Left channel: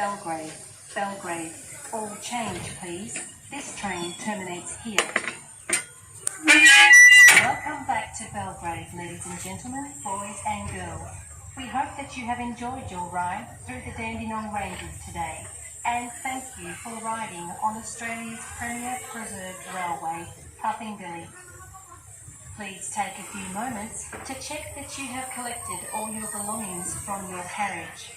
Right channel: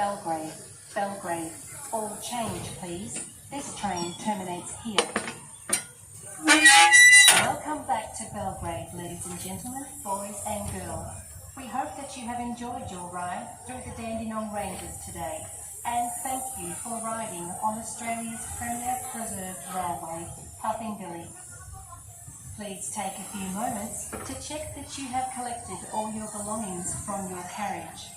Belgrave, Belgrave. All change, please. This train terminates here. Welcome back to Belgrave, ladies and gentlemen, boys and girls. We hope that you have enjoyed your ride through the Dandenong Ranges today, and thank you for riding on Australia's premier preserved railway, Puffing Billy. Please take a few moments to check that you have collected all your belongings from your carriage.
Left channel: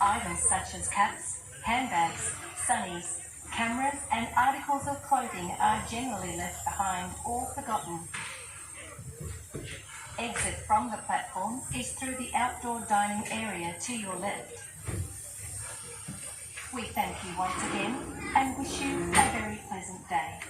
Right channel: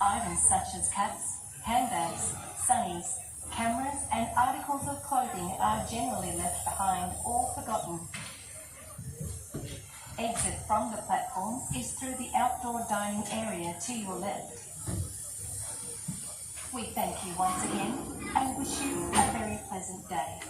Items such as caps, handbags, sunnies, cameras and articles of clothing are generally left behind or forgotten. Exit from the platform is through the outdoor dining area to your left. We thank you once again and wish you a very pleasant day.